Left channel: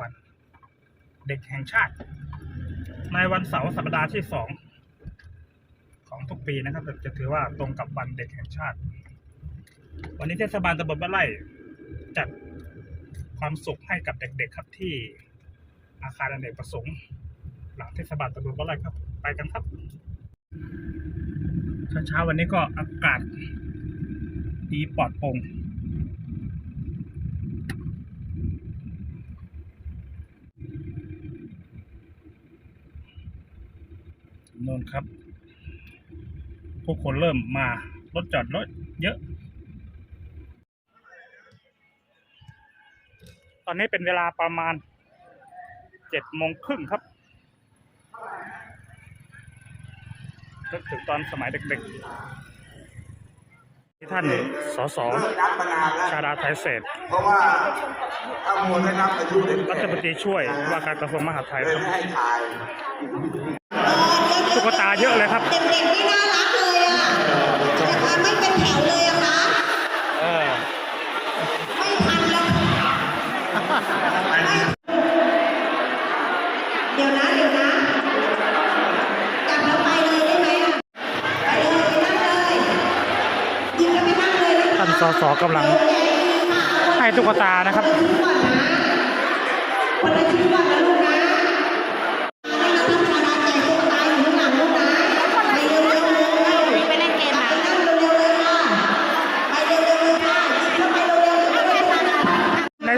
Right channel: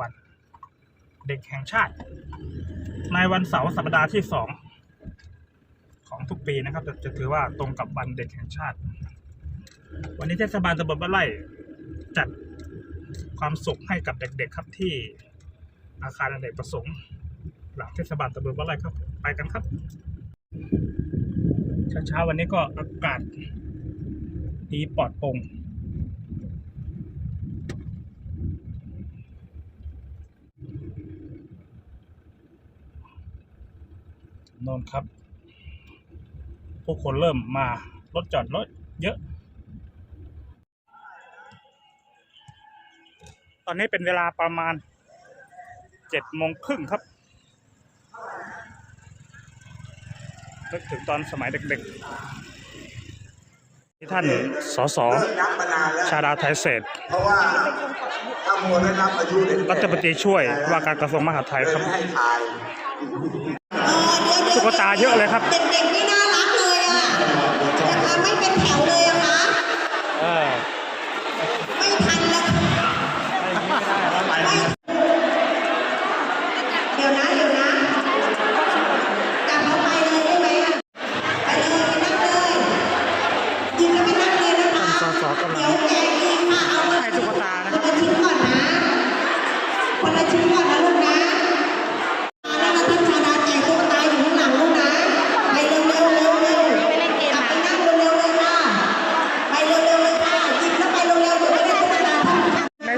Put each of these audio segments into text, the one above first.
วันเด็กแห่งชาติ ในวันเสาร์สัปดาห์ที่สองของทุกปีนะครับจะจะถือว่าตรงกับวันเด็กแห่งชาติ วันนี้เทศบาลตำบลบ้านไร่จัดความสุขให้กับเด็กๆครับที่อาคารอเนกประสงค์ หลังเทศบาลตำบลบ้านไร่ครับ ไปกันครับเช้าๆวันนี้ก็อากาศดีปลอดโปร่ง นนครับ ผู้คนเริ่มมารถจอดรถเยอะ ตอนนี้เป็นเวลาประมาณเจ็ดโมงครึ่งครับนึกถึงตอนสมัยเด็กๆ ที่ท่านสสเลิกนับมานานแล้วชาดาไทยเศรษฐ์เพราะว่าถ้ามัวได้นับอายุเด็กรัฐมนตรีช่วยว่าการกระทรวงมหาดไทยเลยครับไม่ให้ถ่ายตุ๊ กตาเยอะเลยครับ เด็กๆนี่น่ารักเลยอะนะคะไม่เป็นแถวเลยอะคะไม่ทันแล้วไม่เดี๋ยวนะเดี๋ยวนะ กลับแล้วไปเลยได้ไหมอะไปเลยไปนั่งเลยหยิบแล้วไปนั่งเลยนะคะท่านสสกำลัง เดี๋ยวแกะเองค่ะเอาคนให้ตุ๊กตานะครับคนละชิ้นก่อนนะ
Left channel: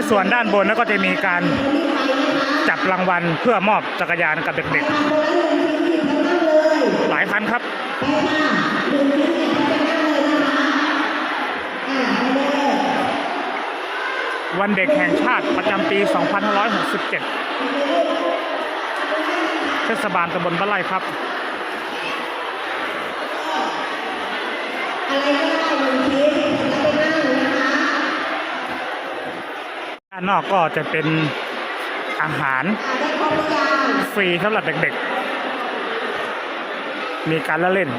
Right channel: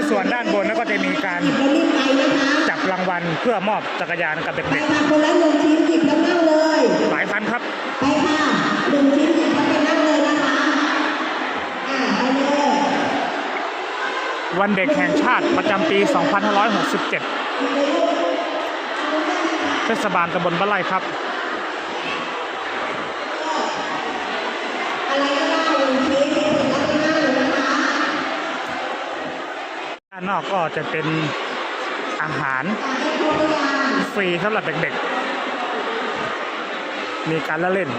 ส่วนด้านบนแล้วก็จะมีการจับรางวัลเพื่อมอบจักรยานกับเด็กๆ หลายคันครับวันเลยวันเด็กแห่งชาติประจำปี 2567 เทศบาลตำบลบ้านไร่ครับานนอกก็จะเป็นอาหารฟรีสำหรับเด็กๆ มีการละเล่น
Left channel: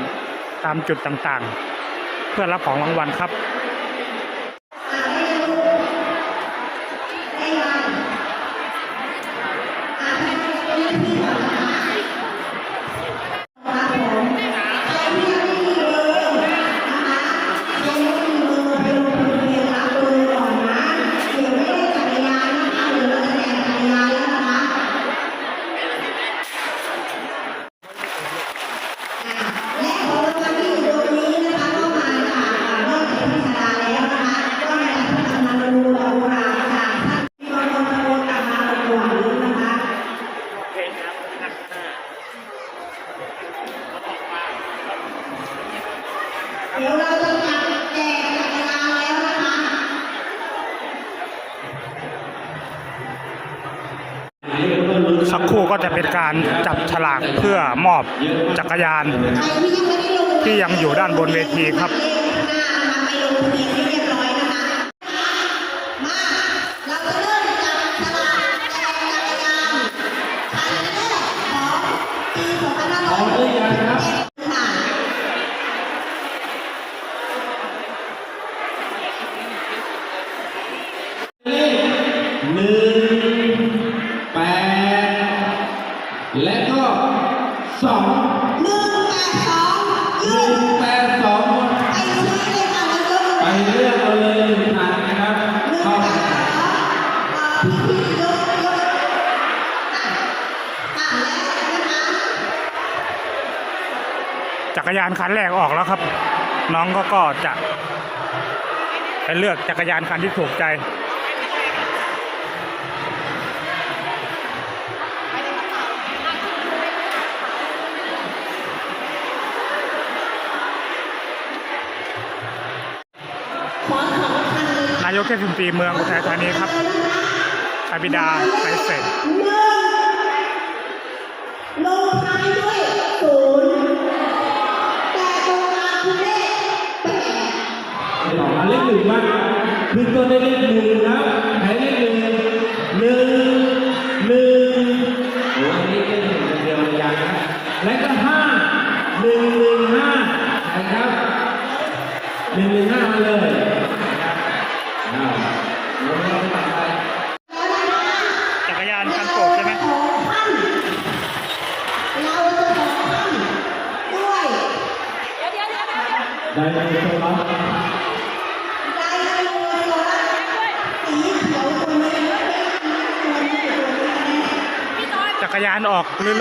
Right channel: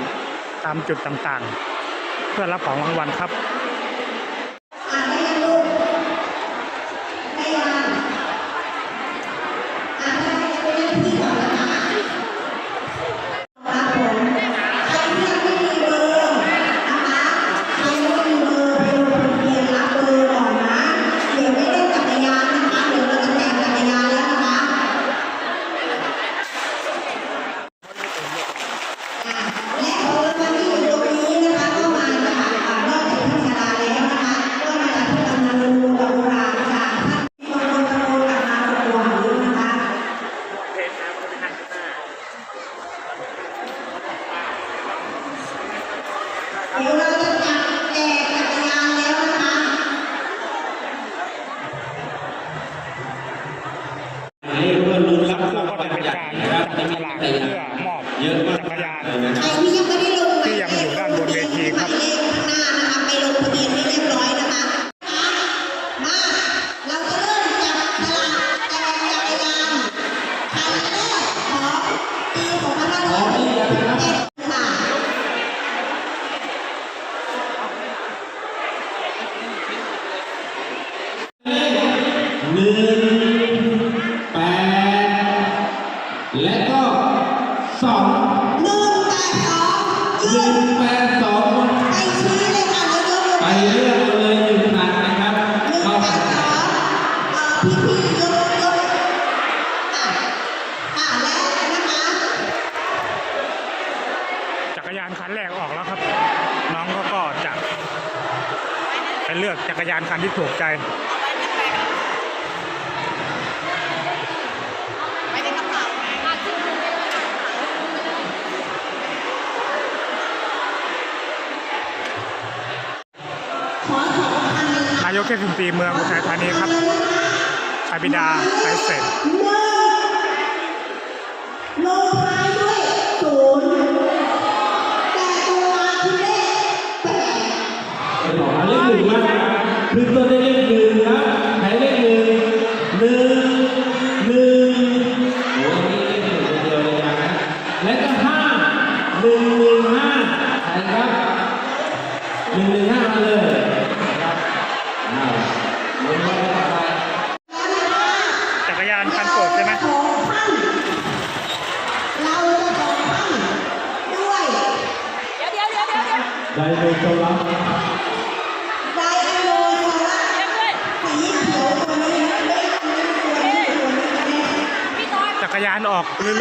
ตามจุดต่างๆ เพื่อรับของรางวัลครับครับ สักครู่ก็จะเป็นการจับฉลากเพื่อมอบจักรยาน ที่ยังไม่ได้ลงที่ยังอยู่ด้านบนเวทีครับ พี่พี่ยกยกอะอะแล้วนะคะจักรยานคันแรกออกแล้วครับ น้องก็ก็จะไปเลือกจักรยานคันที่ถูกใจนายกเทศมนตรีเมืองอุทัยธานีครับ ชาบิดาไปเศรษฐ์โลท้าด้วยศูนย์แต่ตัวอาเลขแปดสองอันเลขหนึ่งมากขึ้นต้นด้วเลขหนึ่งนะ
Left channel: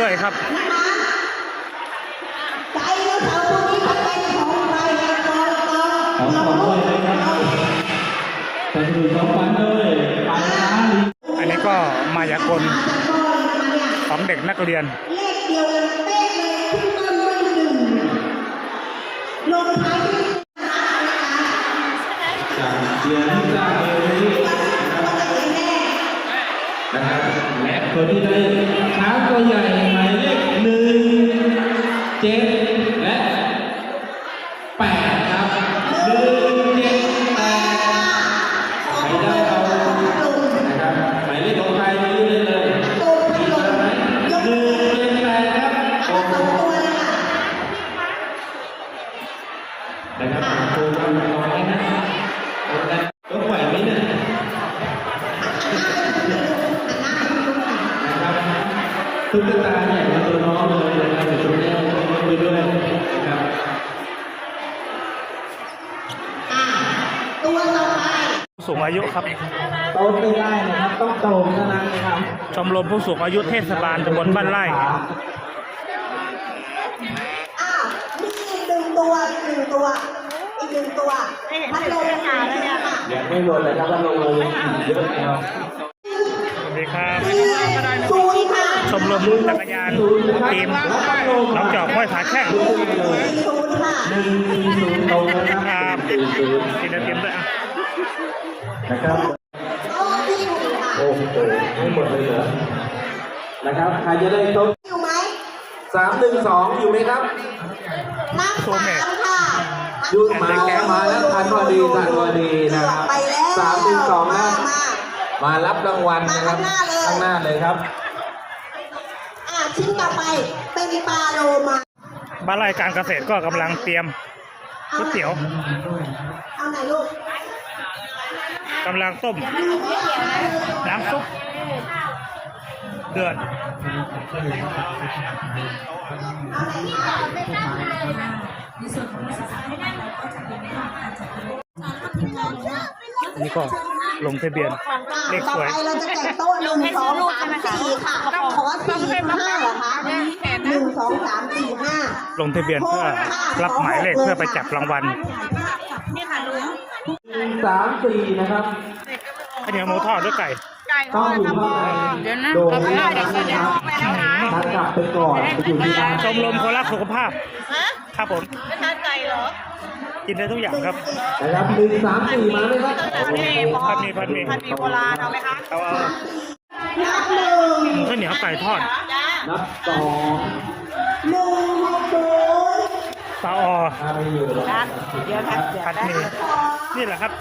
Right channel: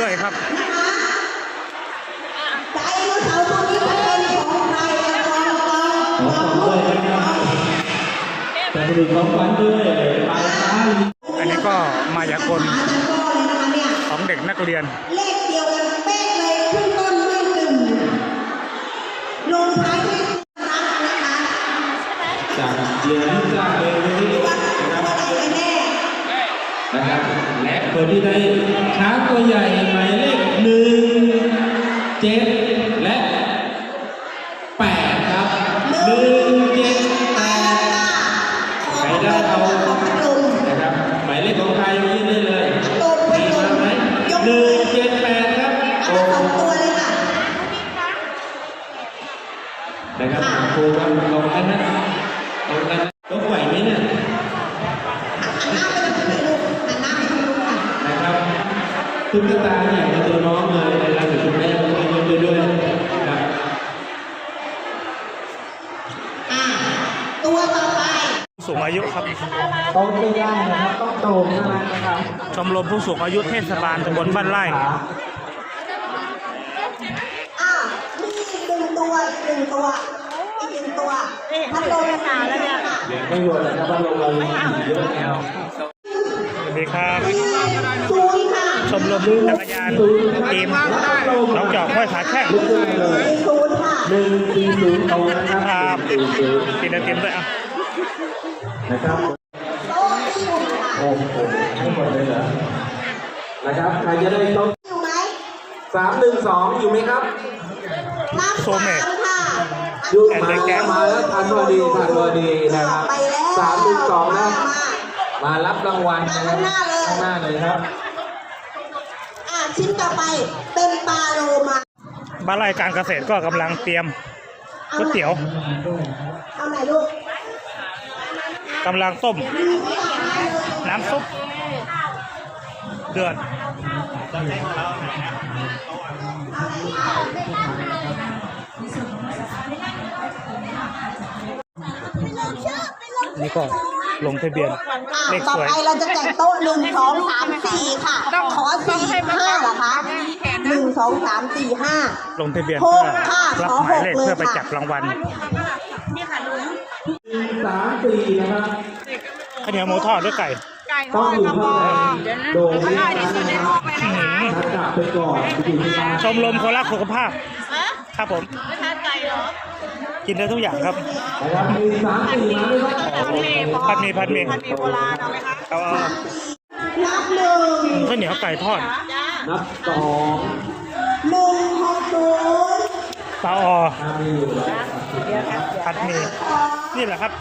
ออกเรื่อยๆครับไดโนเสาร์ตัวนี้เป็นของใครกันก่อนขอขอบคุณนะครับจะไปดูกำปั้นด้วยอันนี้ก็มายากลของเด็กนักเรียนเลขเดียวกันเป๊ะเลยขึ้นต้นด้วยหนึ่งลงท้ายด้วยรักนะคะ และคนที่ได้ช้างตัวใหญ่หมายเลขหนึ่งเจ็ดและ ตุ๊กตาเนี่ยมาตัวน้องเลยนะครับเดี๋ยวคุณแม่ต้องยกไปด้วยนะครับอ่าตัวต่อไปผู้สูงอายุครับ โตไม่ได้นะครับต้องโตเท่านั้นนะครับชมรมผู้สูงอายุเทศบาลตำบลบ้านไร่อ่ามีอีกหนึ่งตัวอีกหนึ่งตัวอีกหนึ่งตัวพัดลมค่ะแล้วเนี่ยค่ะยังไม่หมดเลยครับว่าลงเรายังอีกเยอะนะครับสวัสดีครับศูนย์ค่ะ ชมรมจักรยานทีมน้องจอกห้วยขาแข้งศูนย์ค่ะหนึ่งสี่ศูนย์โตนะคครัรับบสี่ศูนย์ทีมเทียมด้วยอะนะครับโต๊ะที่หนึ่งค่ะโอ้โหไม่หมดเลยเหรอนะครับใครจะได้โต๊ะอยู่ไหมสามหนึ่งสองอยู่ไหมครับนับสามค่ะดูมาแล้วมาแล้วทันพอดีทันพอดีนะครับไปแล้วสามหนึ่งสองมานะมามารับรางวัลนะครับมาข้างหน้าเลยข้างหน้าเลยครับอ่า ชิ้นต่อไปเป็นปลาโลมาบ้านไร่การเกษตรก็กำลังเตรียมก๋วยเตี๋ยวเอาไหนลูกกำลังต้ม น้ำซุปเดือดนี่ก็ ลงทะเบียนเลขสวย ต่อไปเราจะแต่งโต๊ะหนึ่งสองสามสี่ค่ะ ขอสี่ห้าเหรอคะหนึ่งสองสามสี่ห้าลงทะเบียนเพื่อรับหมายเลขเพื่อไปจับรางวัลสามสี่นะครับข้าวเหนียวหมูทอดด้วยไก่ต้องอยู่ข้างในโดนอื้อนี้หือทักกลับไปก่อนไปอยู่ที่บ้านชมรมคนรักสุขภาพ ครับผมกิินได้ทุกอย่างครับนะครับหมี่ผัดหมีพัดหมีโบราณเอาไหมคะเอาเอานับหนึ่งข้าวเหนียวไก่ทอดนับสองหนึ่งหกศูนย์ปลาออมาไปอผัดหมี่นี่แหละครับ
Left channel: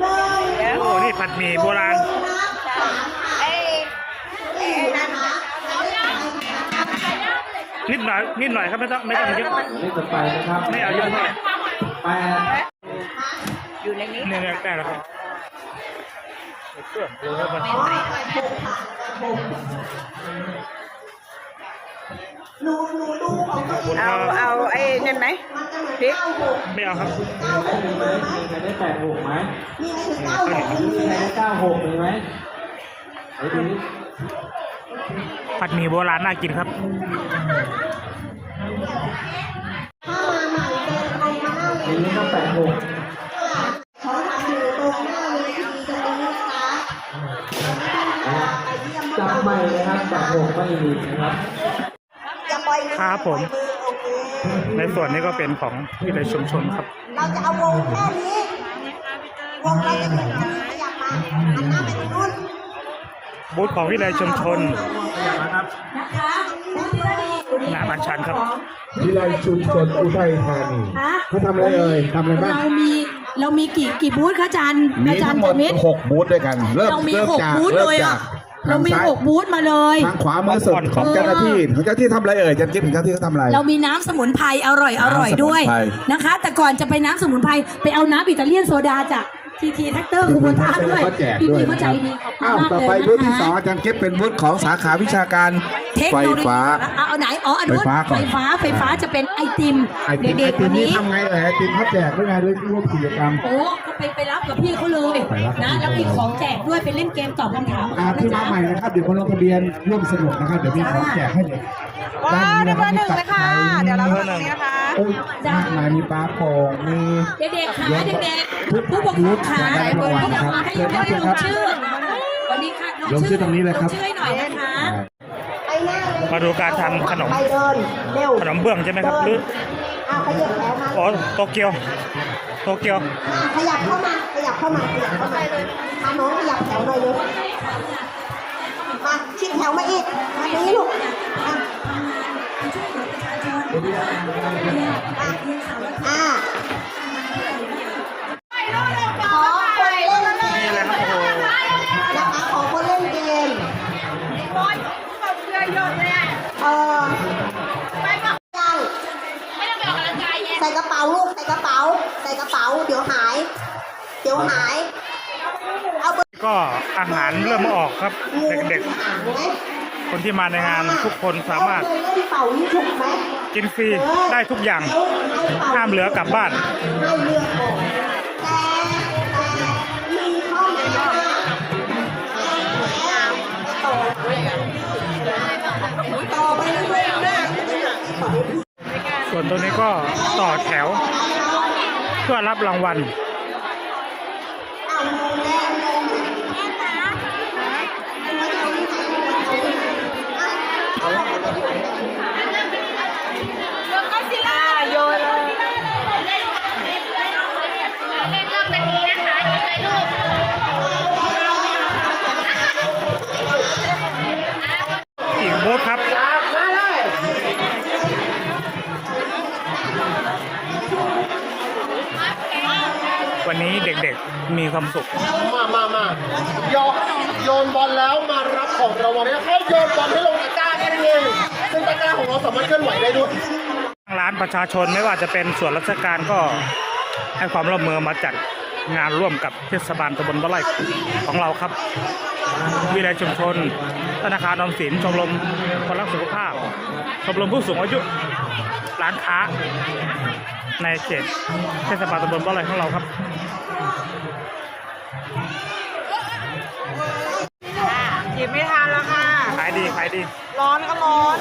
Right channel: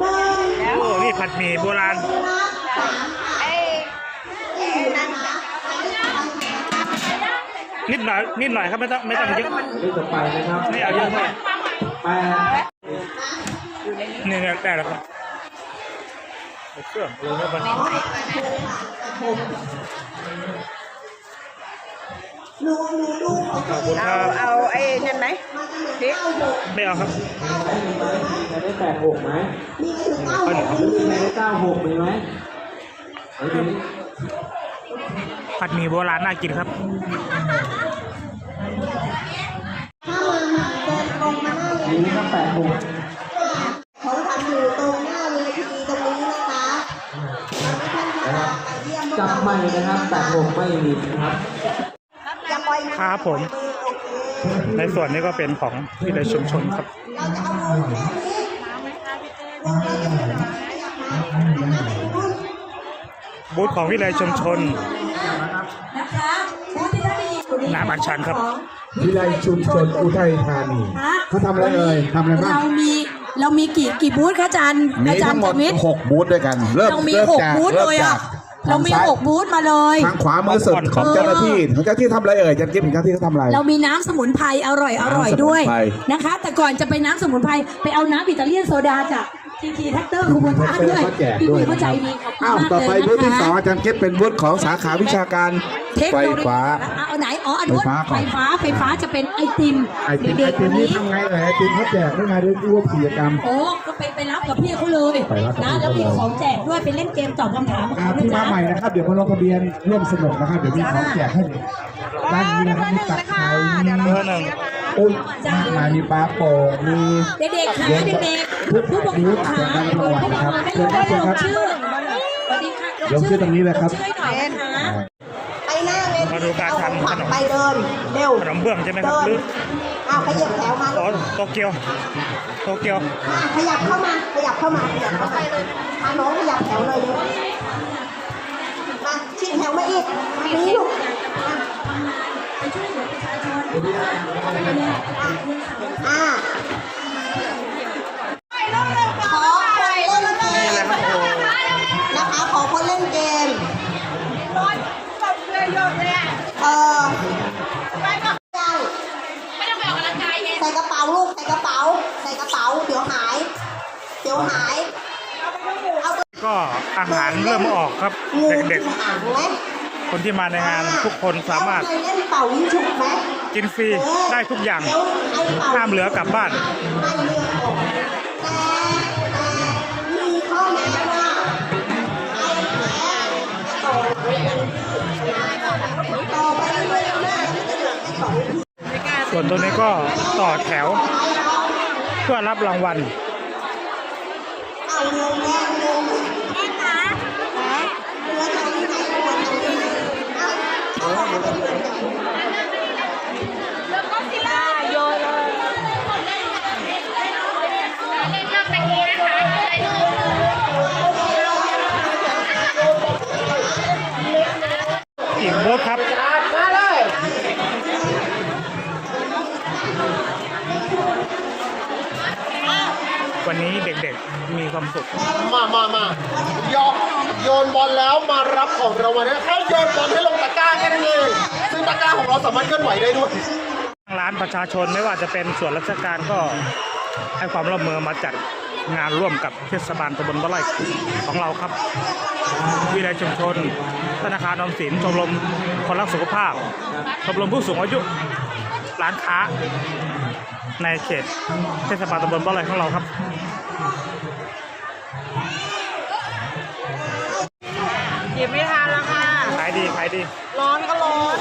หนึ่งโอ้นี่ผัดหมี่โบราณนิดหน่อยนิดหน่อยครับไม่ต้องไม่ต้องเยอะไม่เอาเยอะเท่าไหร่ แปดเนี่ยเนี่ยได้แล้วครับใส่เครื่องลงเข้าไปหนูหนูดูของขอบคุณครับเอาไอ้เห็นไหมมันจะเหมือนเก้าหกไม่เอาครับมีใครได้แปดหกไหมมีไหมถึงเก้าหกมีใครได้เก้าหกมีไหมไอ้ดูนี่ผัดหมี่โบราณน่ากินครับ น้าเวมีทีไหมครับแปดหกเขาทำอยู่ตรงหน้าเวทีตรงนี้นะคะจับใหม่นะครับแปดหกไม่มีนะครับครับผม ในส่วนนี้ก็เป็นของวิเลยชุมชนครับเราจะเอาวงแค่นี้วงเราจะเป็นแบบนี้อยากมาหันหน้าไปทางนู้นบูธของวิเลยชุมชน นน้ำอัญชันครับ วิไลชุมชนอุทัยธานีฮะ เขาทำอะไรเอ่ยทำอะไรบ้างเรามีเรามีกี่กี่บูธคะอาจารย์มีอาจารทั้งย์หมดจมิตรหกบูธด้วยกัน เริ่มเรามีเริ่มหกจากบูธเริ่เลมยจาอะ กเรามีทงซ้ยหกบูธมาเลย ทางขวามือสุดของเจ้าหน้าที่ของเจ้าหน้าที่ทำอะไรเอ่ยจันกิ๊บของเจ้าหน้าที่เขาทำอะไร เรามีน้ำสมุนไพรอร่อยอร่อยด้วยน้ำสมุนไพรนะคะ แต่ก่อนจะไปน้ำสมุนไพรไปเอาน้ำอิตาเลียนโซดาจาก ทีทีแท็กเตอร์คูโบต้าด้วยก็แจกพี่ด้วยพี่เขานะใจครับดีขอบคุณอ้าวมากต่อไปเลยบูธนะที่สองคะอาจารย์เก็บเป็นบูธของสาขาวิชาการเทคไฟโนโลยีฟ้าเอาเอาไหนอ๋ออันไฟนู้นฟ้าก่ไฟอนฟ้าไฟฟ้าจะเป็นไอติมไอติมไอเด็กๆติวัมนนี่นี้ทำไงเอ่ยไอติมเขาแจกด้วยไงด้วยรูปกิจกรรมโอ้ก็ไปไปรับกับพี่เขาเลยไปรับกับนะพี่แล้วเขาเลยมีของแจกด้วยไปเล่นเกมตอบคำถามอ่าที่มาใหม่นะครับเดี๋ยวมาลงทะเบียนร่วมสนุกนะครับเดี๋ยวมีของแจกให้เด็กด้านนี้นะครับมีตับไข่มีเบอร์หนึ่งโอ้ยมากมายมีปลาโป่งมี เด็กๆขาเดี๋ยวเด็กๆผู้ปกครองขาได้รางวัลนะครับให้เชิญครับเชิญครับชื่อสวัสดีค่ะลงชื่อตรงนี้เลยครับชื่อหน่อยนะคะไปหน้าเลยมาดูการทำขนม ไปเดินเร็วขนมเบื้องใช่ไหมครับหรืออ้าวขยับแถวมาอ๋อโตเกียว โตเกียว อะขยับเข้ามาขยับเข้ามาขยับเข้ามาพาน้องขยับแถวหน่อยเร็วมาชิดแถวมาอีกมานี้ลูกอะ ขอคนเล่นเกมนี่เลยครับโอ้โหนะคะขอคนเล่นเกมเออใส่กระเป๋าลูกใส่กระเป๋าใส่กระเป๋าเดี๋ยวหาย เดี๋ยวหายเอาไปก็อาหารเริ่มออกครับ เด็กอ่านไหมๆ คนที่มาในงานทุกคนสามารถกินฟรีได้ทุกอย่าง ห้ามเหลือกลับบ้านส่วนตัวนี้ก็ต่อแถว เพื่อรับรางวัล เด็กๆ มีความสุข มามามาโยนโยนบอลแล้วมารับของรางวัลนะแค่โยนบอลให้ลงตะกร้าแค่นั้นเองซึ่งตะกร้าของเราสามารถเคลื่อนไหวได้ด้วยทางร้านประชาชนไม่ว่าจะเป็นส่วนราชการก็ให้ความร่วมมือมาจัดงานร่วมกับเทศบาลตำบลบ้านไร่ของเราครับ วิเลยชุมชน ธนาคารออมสินชมรมคนรักสุขภาพ ชมรมผู้สูงอายุ ร้านค้า ในเขตเทศบาลตำบลบ้านไร่ของเราครับายดีขายดี ร้อนก็ร้อน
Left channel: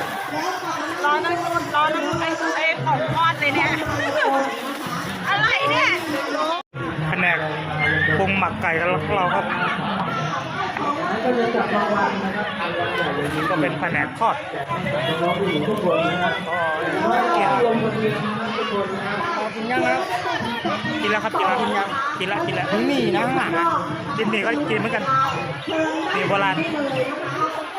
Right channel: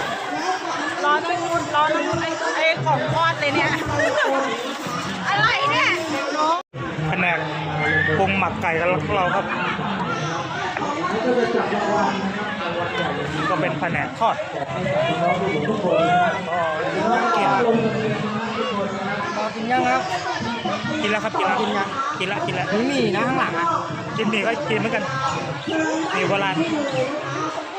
ร้อนทั้งนุ่นร้อนทั้งไอ้ไอ้ของทอดเลยเนี่ย อะไรเนี่ยแผนกปรุงหมักไก่กันของเราครับนี่ก็เป็นแผนกทอดก็เกี่ยวกินยังครับ กินแล้วครับกินแล้วกินแล้วกินแล้วนี่มีนะข้างหลังกินหมี่ก็กินเหมือนกันหมี่โบราณ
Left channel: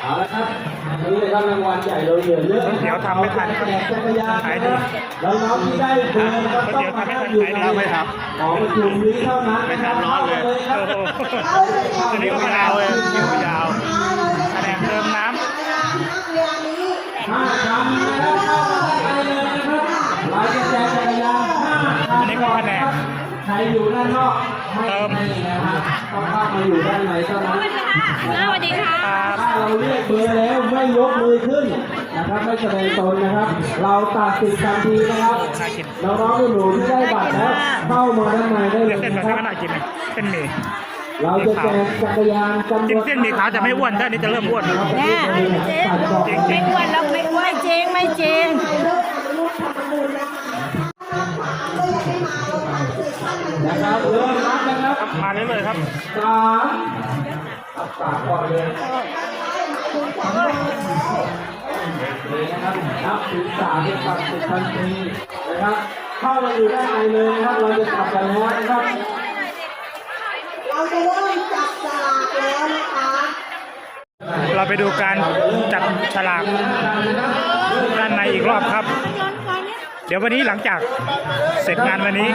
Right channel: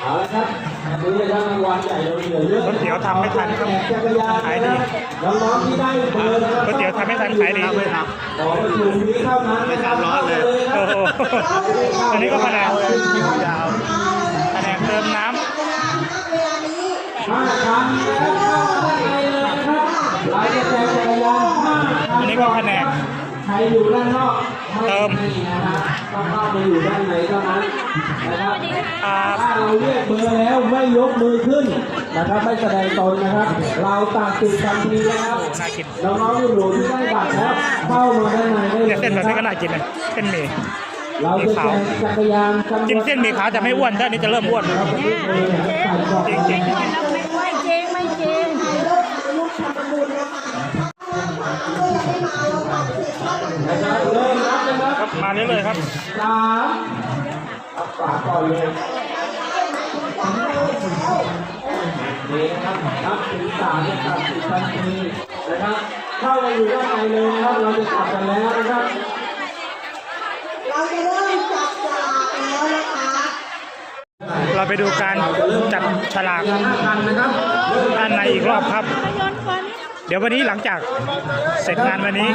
เอาละครับวันนี้ได้รับรางวัลใหญ่เราเหลือเยอะก๋วยเตี๋ยวทำไม่ทันครับจักรยานขายดีน้องๆที่ได้เบอร์นะครับก๋วยเตี๋ยวทำไม่ทันขายดีไม่ครับสองคิวนี้เท่านั้นไม่ทำร้อนเลยครัโอ้บโหอันนี้ก็แผนกเลยแผนกเติมน้เวลานี้ห้าครั้งแล้วได้ไปเลยนะครับลายจะแจกจักรยานห้าครั้ำงอันนี้ก็แผนกใครอยู่ด้านนอกไม่ เติมให้นะครับต้องเข้ามาอยู่ด้านในเท่านั้นนะครับครับถ้าเราเรียกเบอร์แล้วไม่ยกมือขึ้นนะครับไม่แสดงตนนะครับ เราตัดสิทธิ์ทันทีนะครับโอ้น่ากินน้องๆหนูๆที่ได้บัตรแล้วเข้ามาด้านในได้เลเส้นยแบบนะคนี้รับก็น่ากินนะเส้นหมี่เราจะแจกจักรยานจำวกินเส้นหมี่ขาวจะไม่อ้วนถ้าอันนี้จะเริ่มอ้วนเราจะเรียกเบอร์ตัดดอกจริง นะครับครับมาเรื่อยๆครับสามเอาสามก่อนเลยนี่นะครับนับถึงสามเป็นตัดสิบทันทีนะครับเข้ามาอยู่ด้านในเลยนะครับเราจะกลับกันแล้วนะครับเราจะเริ่มจับฉลากแล้วนะคะเราไปดูการจับฉลากด้านในอีกรอบครับ เดี๋ยววันนี้หลังจากเสร็จงานวันนี้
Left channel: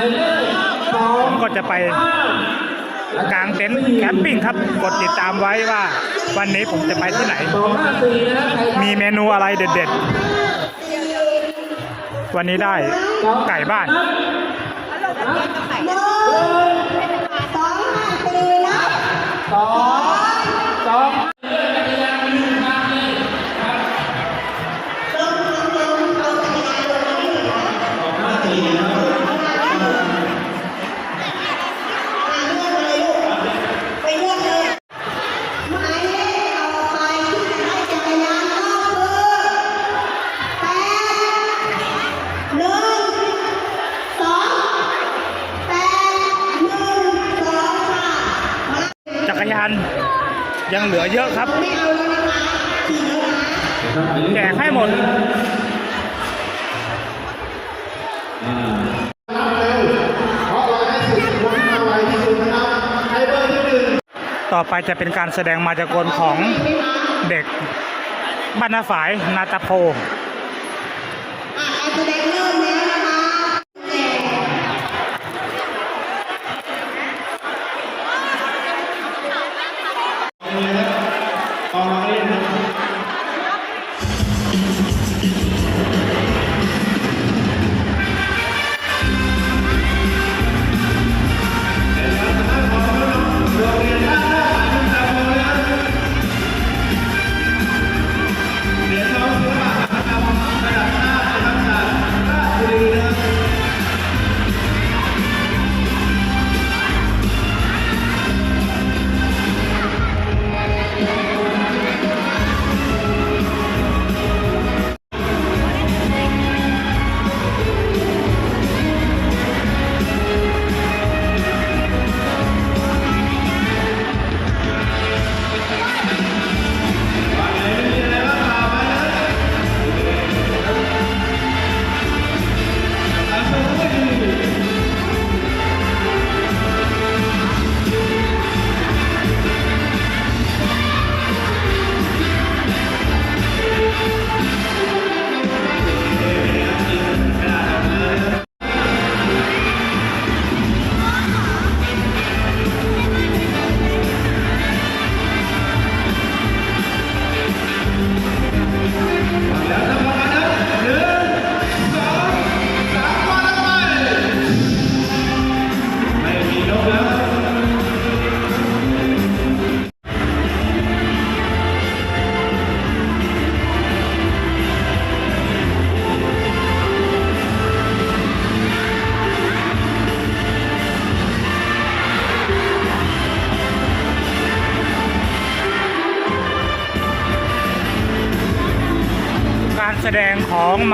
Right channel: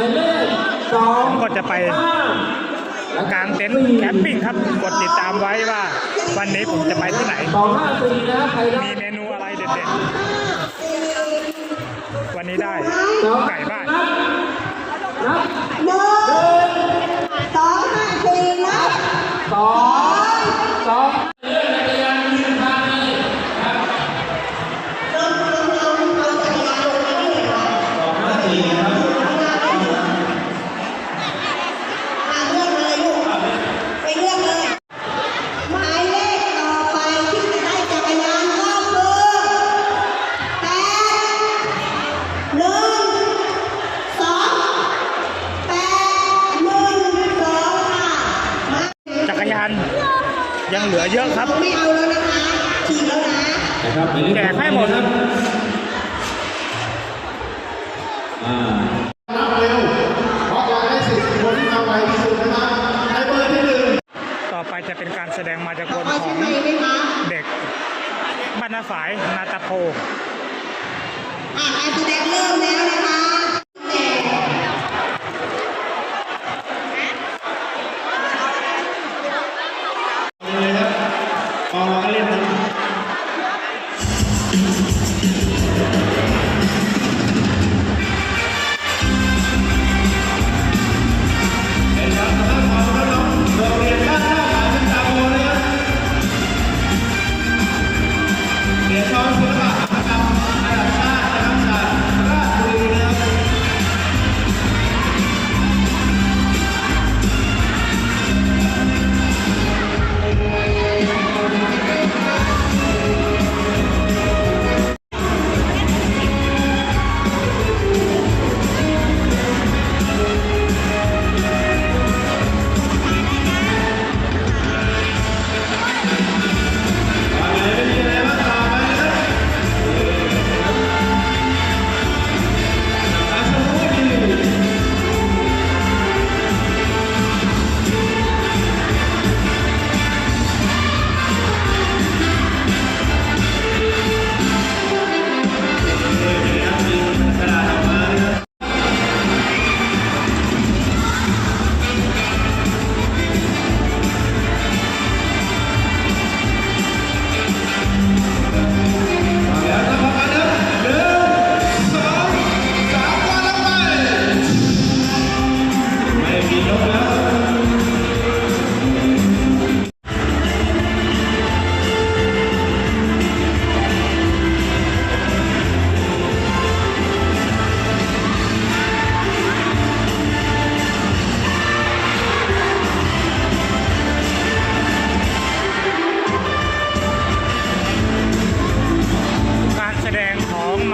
ผมก็จะไป กางเต็นท์แคมปิ้งครับ กดติดตามไว้ว่า วันนี้ผมจะไปที่ไหน มีเมนูอะไรเด็ดๆ วันนี้ได้ไก่บ้านหนึ่งสองห้าสี่นะสอง ยังเหลือเยอะครับไม่แล้วนะถี่แล้วนะนะครับ แจกให้หมดต่อไปจะเป็นการแสดงมายากลของเด็กบ้านนาฝายนาตาโพอะการแสดงเริ่มแล้วนะคะแต่ กา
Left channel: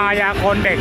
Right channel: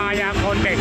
ายาคนเด็ก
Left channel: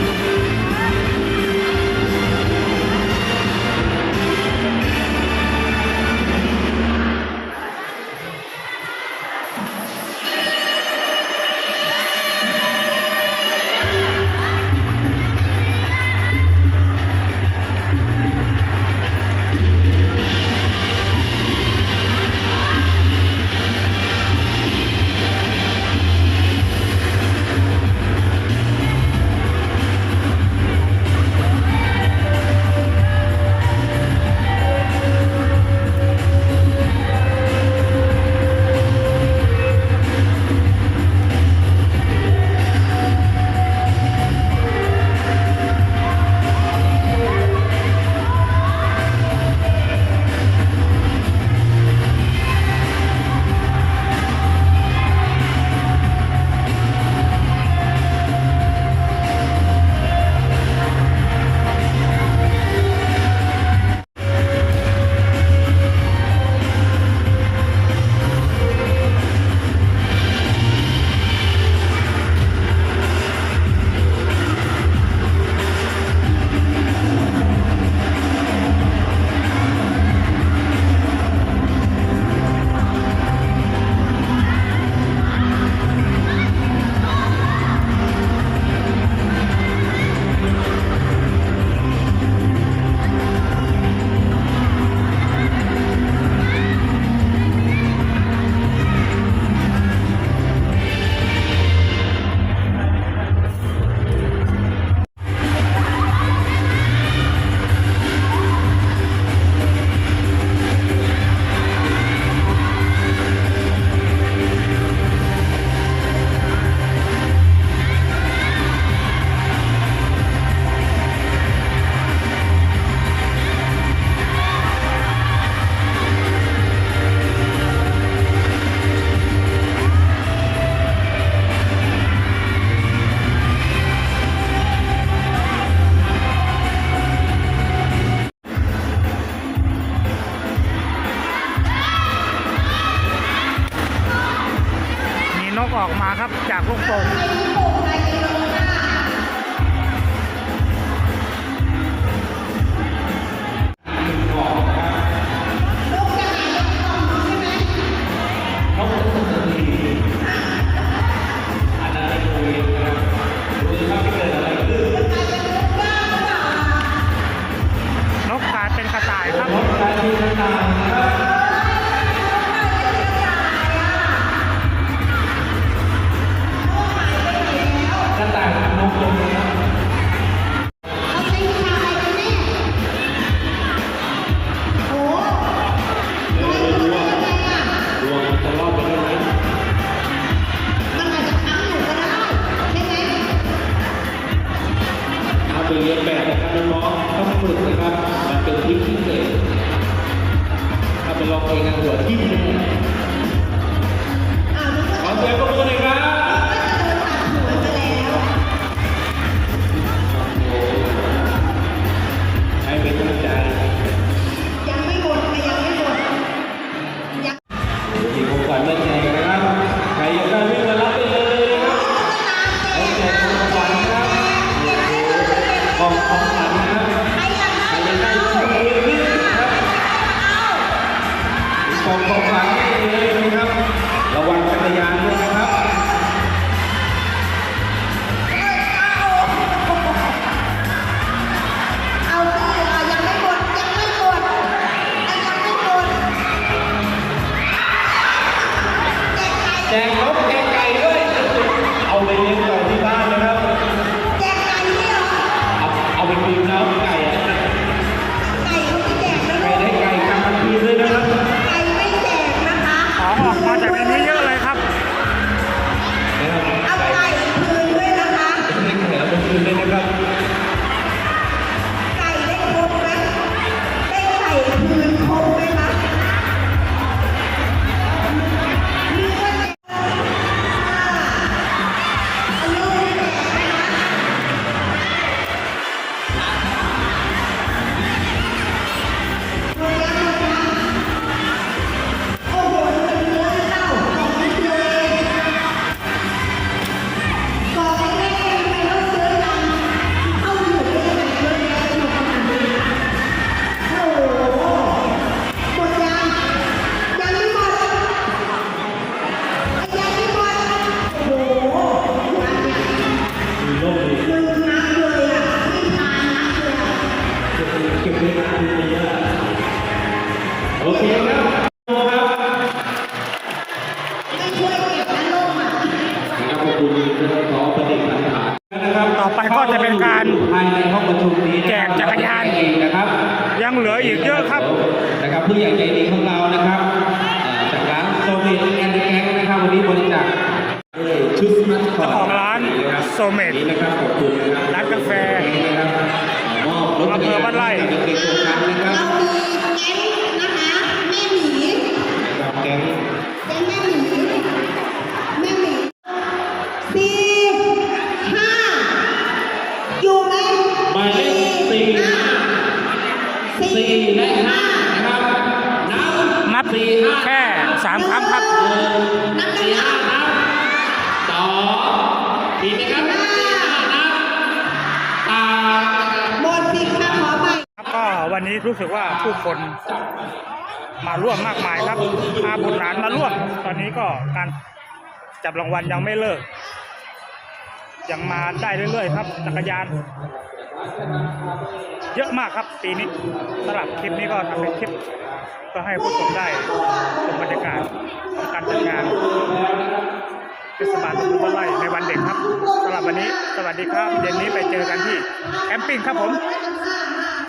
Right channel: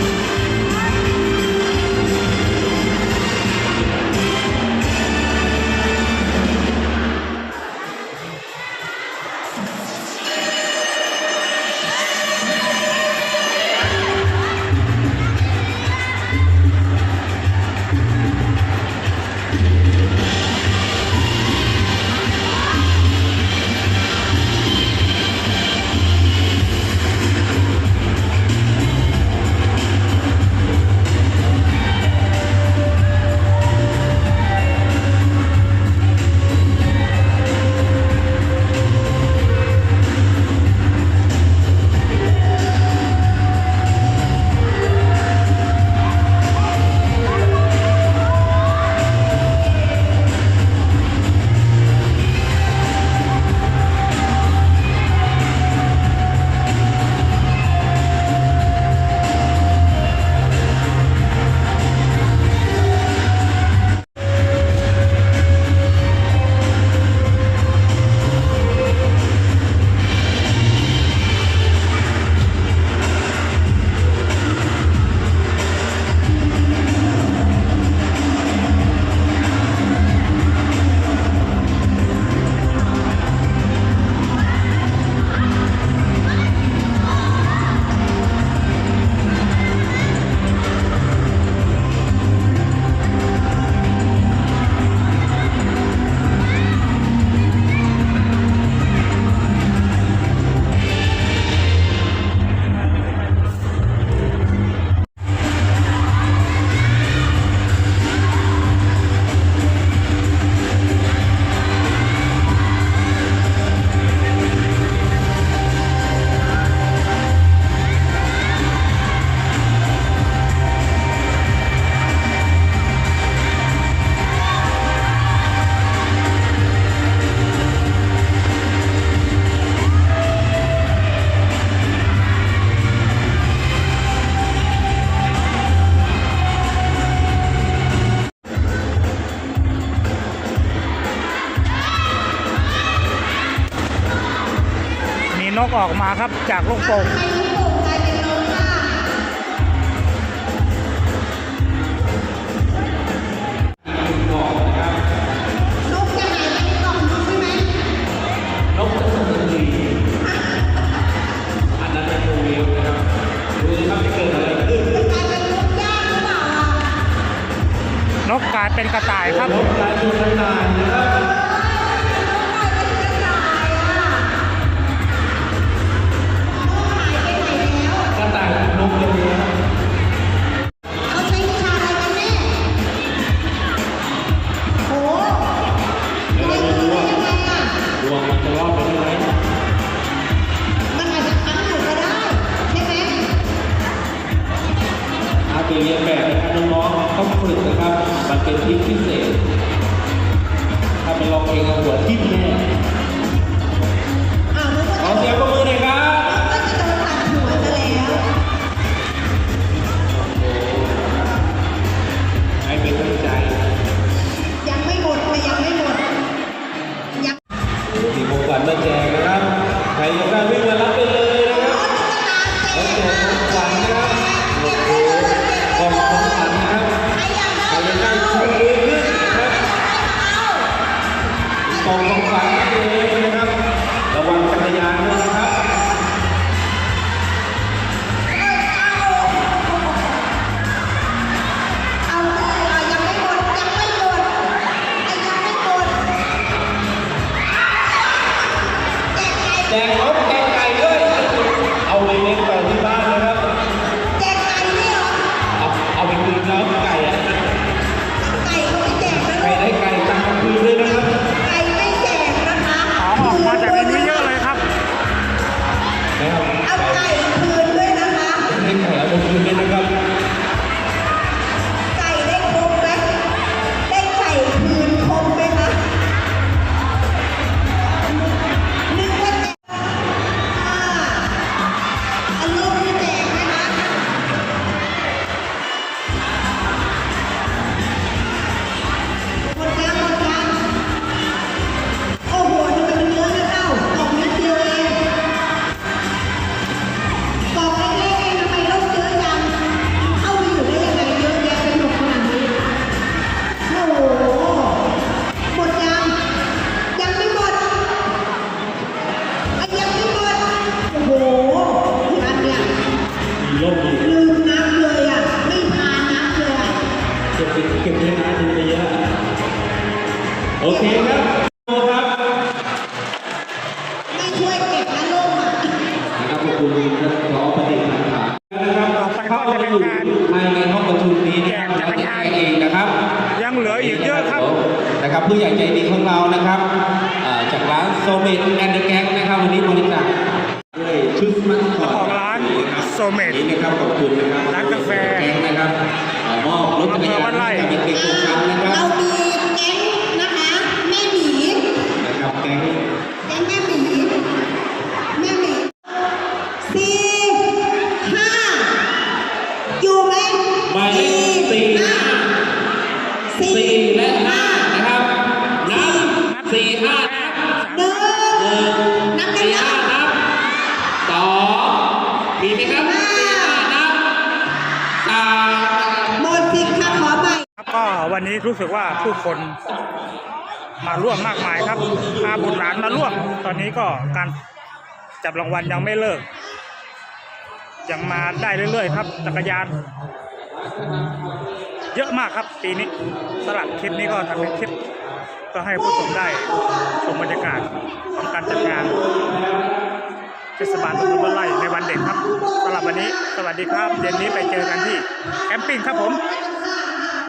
ออกมาครับจากลูกโป่ง น มีร่มมีลืมนับเลยอะไม่ทานนับเลยอะเก็บเก็บเงินคืนไปเยอะโอเคครับครับไม่ช่วยเก็บนะลูกอะนะครับขอบคุณนะครับขอปฏิบัติการนะครับต่อไปก็จะเป็นการภายในห้องประชุมนี้นะแจครักบจักรยานเองนะครับ ยังเหลืออีกเยอะครับนะครับผู้ใหญ่ใจดีของ หมายเลขสี่ห้าสี่สี่และห้านะครับนับนับสี่ห้าแค่สามครั้งครับหนึ่งนับสี่ได้ห้ายังนับสองมีไหมครับสี่ห้านับสามหมดสิทธิ์ค่ะขอใหม่ครับก็วันนี้รู้สึกว่าผู้คนมาร่วมมากมายครับพาบุตรหลานมาร่วม ตอนนี้ก็การจับรางวัลยังไม่เลิก ยังมาได้เรื่อยๆ ครับ จักรยาน เยอะมากครับปีนี้สลับคลิปนี้ก็ทำเป็นคลิปก็ให้ผู้ชมได้ชมบรรยากาศของการจัดงานเทศบาลตำบลบ้านไร่ในวันเด็กครับสำหรับวันนี้ สวัสดีครับ เย็นนี้ไปเจอกันที่แคมปิ้งครับผม